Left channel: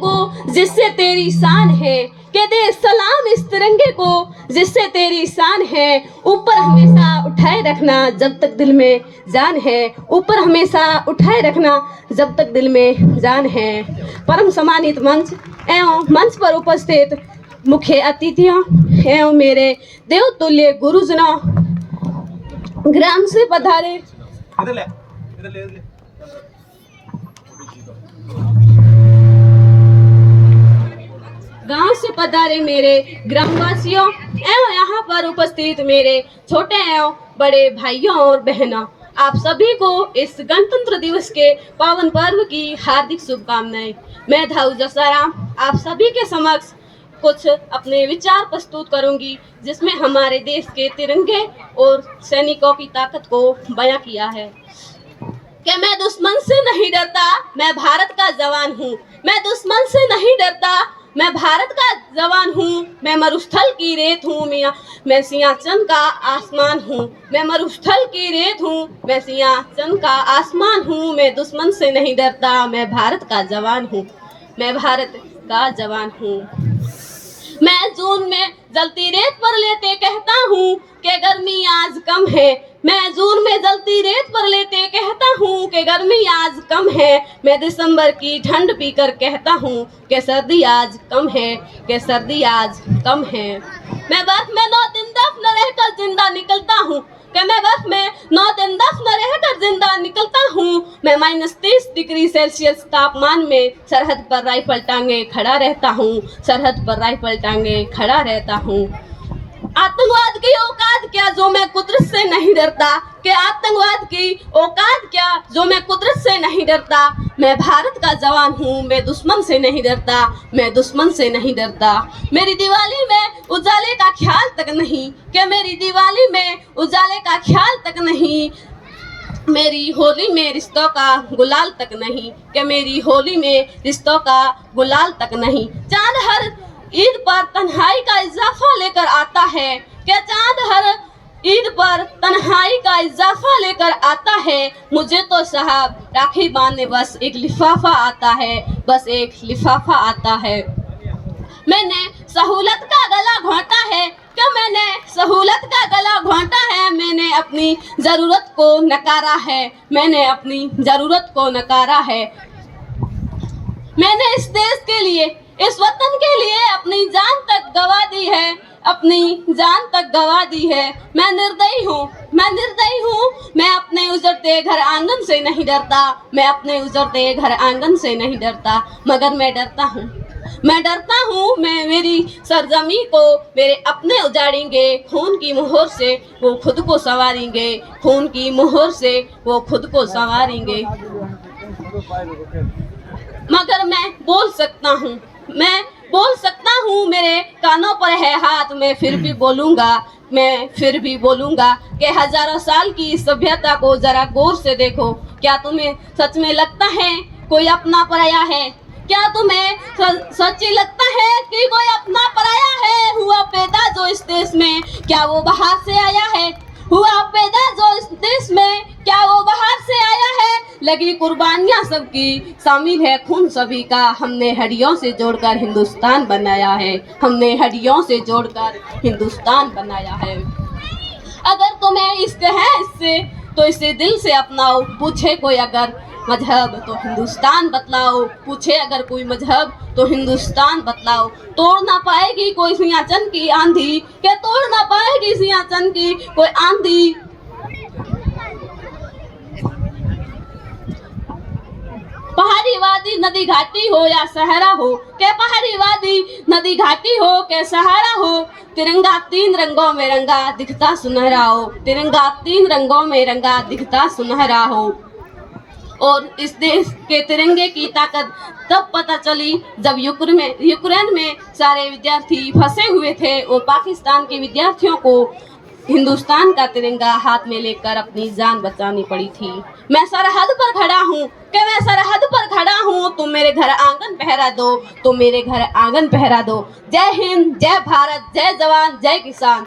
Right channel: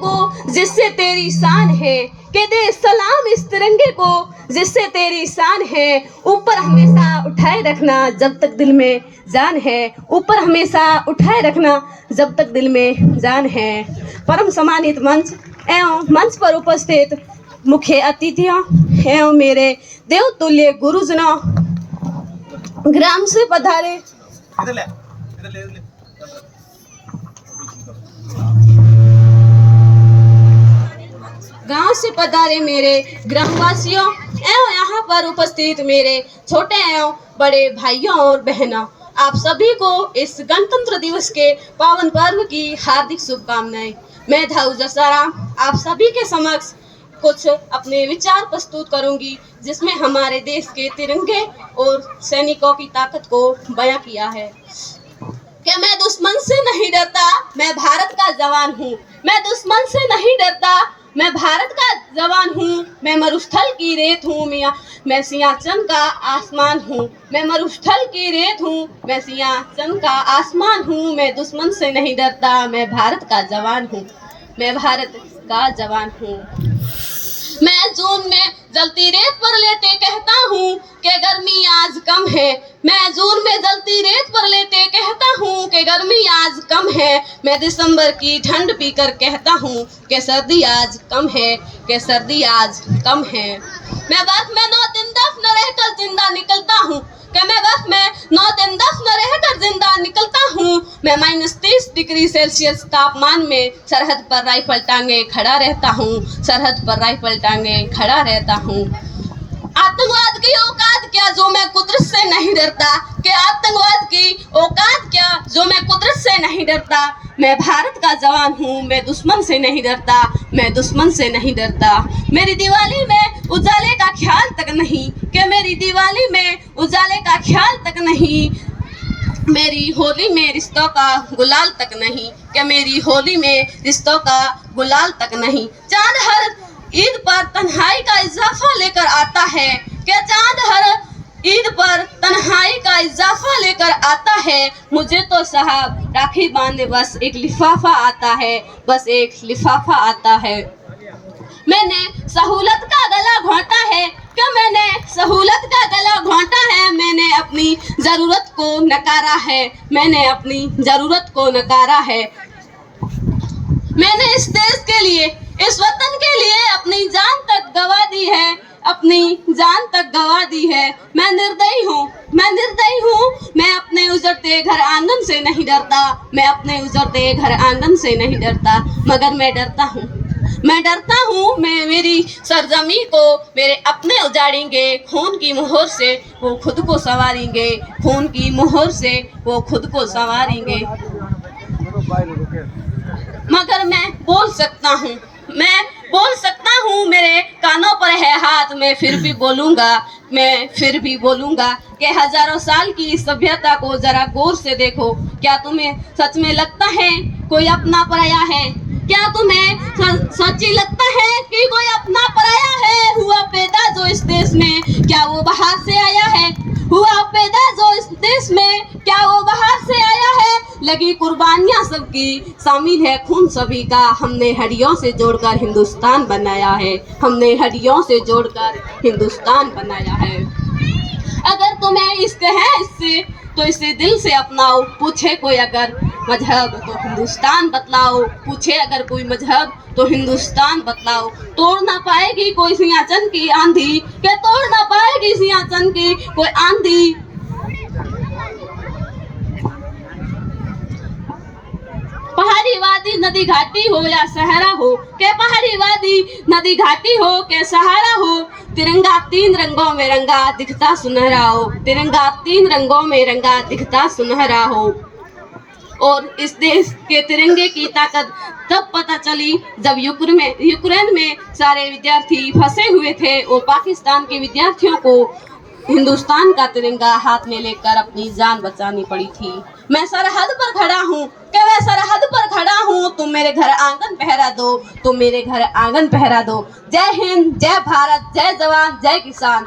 को जिससे तेरी शान है, के दे सलाम इस तिरंगे को जिससे तेरी शान है। ऊपर हमेशा उठाए रखना जब तक दिल में जान है, ऊपर हमेशा उठाए रखना जब तक दिल में जान है। परम सम्मानित मंच एवं मंच पर उपस्थित मुख्य अतिथियों एवं मेरे देवतुल्य गुरुजनों, ग्राम से पधारे गांव से पधारे मेरे ग्रामवासियों एवं यहाँ पर उपस्थित मेरे छोटे एवं बड़े भाइयों और बहनों, आप सभी को इस गणतंत्र दिवस के पावन पर्व की हार्दिक शुभकामनाएं। मैं धाऊ जसाराम आप सभी के समक्ष कुछ अपने विचार प्रस्तुत करूंगी, जिसमें हमारे देश के तिरंगे और सैनिकों की ताकत को बयां किया है। कि मैं दुश्मन से नहीं डरता, मैं भारत का जवान हूँ। मैं दुश्मन से नहीं डरता, मैं भारत का जवान हूँ। मैं मरुस्थल की रेत हूँ, मैं सिंहासन का आसमान हूँ। मैं मरुस्थल की रेत हूँ, मैं सिंहासन का आसमान हूँ। मैं दुश्मन से नहीं डरता, मैं भारत का जवान हूँ। मैं भारत का जवान हूँ। मैं जून में जलती रेत पर लेटे कहता हूँ कि गर्मी आज कम है। मैं जून में जलती रेत पर लेटे कहता हूँ कि गर्मी आज कम है। मैं दिसंबर की ठंड पीकर कहता हूँ कि सर्दी आज कम है, कि सर्दी आज कम है। मैं बर्फ में 9 दिन दफन रहकर जिंदा निकलता हूँ, कि मैं बर्फ में 9 दिन दफन रहकर जिंदा निकलता हूँ। मैं -30 डिग्री सेल्सियस तापमान में सरहद पर राइफल टांगे खड़ा रहता हूँ, सरहद पर राइफल टांगे खड़ा रहता हूँ। आतंकवाद की औकात क्या जो मैं कुदरत से नहीं डरता, कि आतंकवाद की औकात क्या जो मैं कुदरत से नहीं डरता। मैं भारत का जवान हूँ, मैं दुश्मन से नहीं डरता, मैं दुश्मन से नहीं डरता। मेरी दिवाली में उजाले का ख्याल तक नहीं, कि मेरी दिवाली में उजाले का ख्याल तक नहीं। मेरी होली में रिश्तों का गुलाल तक नहीं, कि मेरी होली में रिश्तों का गुलाल तक नहीं। चांद हर ईद पर तन्हाई का इजाफा लेकर आता है, क्या चांद हर ईद पर तन्हाई का इजाफा लेकर आता है। मुझे तो साहब राखी बांधने बस एक लिफाफा आता है, बस एक लिफाफा आता है। मैंने सहूलत का गला घोंटा है, क्या मैंने सहूलत का गला घोंटा है। मैंने अपनी जरूरत को नकारा है, मैंने अपनी जरूरत को नकारा है। मैंने इस देश के लिए, इस वतन के लिए अपनी जान तक गवा दी है, अपनी जान तक गवा दी है। मैं निर्दयी हूँ, मैं निर्दयी हूँ। मैं अपने उजड़ते घर आंगन से नहीं डरता, मैं अपने उजड़ते घर आंगन से नहीं डरता। मगर मैं डरता हूँ, मैं डरता हूँ। मैं मेरी सरजमी को मेरे अपने उजाड़ेंगे, खून की मोहर से वो खुद को संवारेंगे, खून की मोहर से वो खुद को संवारेंगे। मगर मैं बोल सकता हूँ, मैं बोल सकता हूँ। मेरे कानों पर है हाथ, मैं फिर भी बोलूँगा, मैं फिर भी बोलूँगा कि हजारों साल की सभ्यता को जरा गौर से देखो। क्या तुम्हें सच में लगता है कोई अपना पराया है? क्या तुम्हें सच्ची लगता है कि कोई अपना पराया है? हुआ पैदा जो इस देश में, क्या वो बाहर से आया है? हुआ पैदा जो इस देश में, क्या वो बाहर से आया है? लगी कुर्बानियां सबकी, शामिल है खून सभी का। हमने हड्डियों से जोड़कर हिंदुस्तान बनाया है, हमने हड्डियों से जोड़कर हिंदुस्तान बनाया है। अगर तुम्हें इश्क है इससे तो इसे दिल से अपनाओ। पूछे कोई अगर मजहब तो हिंदुस्तान बतलाओ, पूछे अगर कोई मजहब तो हिंदुस्तान बतलाओ। तोड़ ना पाएगी कोई सिंहासन की आंधी, क्या तोड़ ना पाएगी सिंहासन की कोई आंधी। पहाड़ी वादी नदी घाटी हो या सहारा हो, के पहाड़ी वादी नदी घाटी हो के सहारा हो। तिरंगा 3 रंगों में रंगा दिखता सुनहरा हो, तिरंगा 3 रंगों में रंगा दिखता सुनहरा हो। और इस देश के तिरंगे की ताकत तब पता चली जब यूक्रेन में सारे विद्यार्थी फंसे हुए थे और पाकिस्तान के विद्यार्थियों को हिंदुस्तान का तिरंगा हाथ में लेकर अपनी जान बचानी पड़ी थी। मैं सरहद पर खड़ा हूँ, कि मैं सरहद पर खड़ा हूँ। तुम मेरे घर आंगन पहरा दो, तुम मेरे घर आंगन पहरा दो। जय हिंद, जय भारत, जय जवान, जय किसान।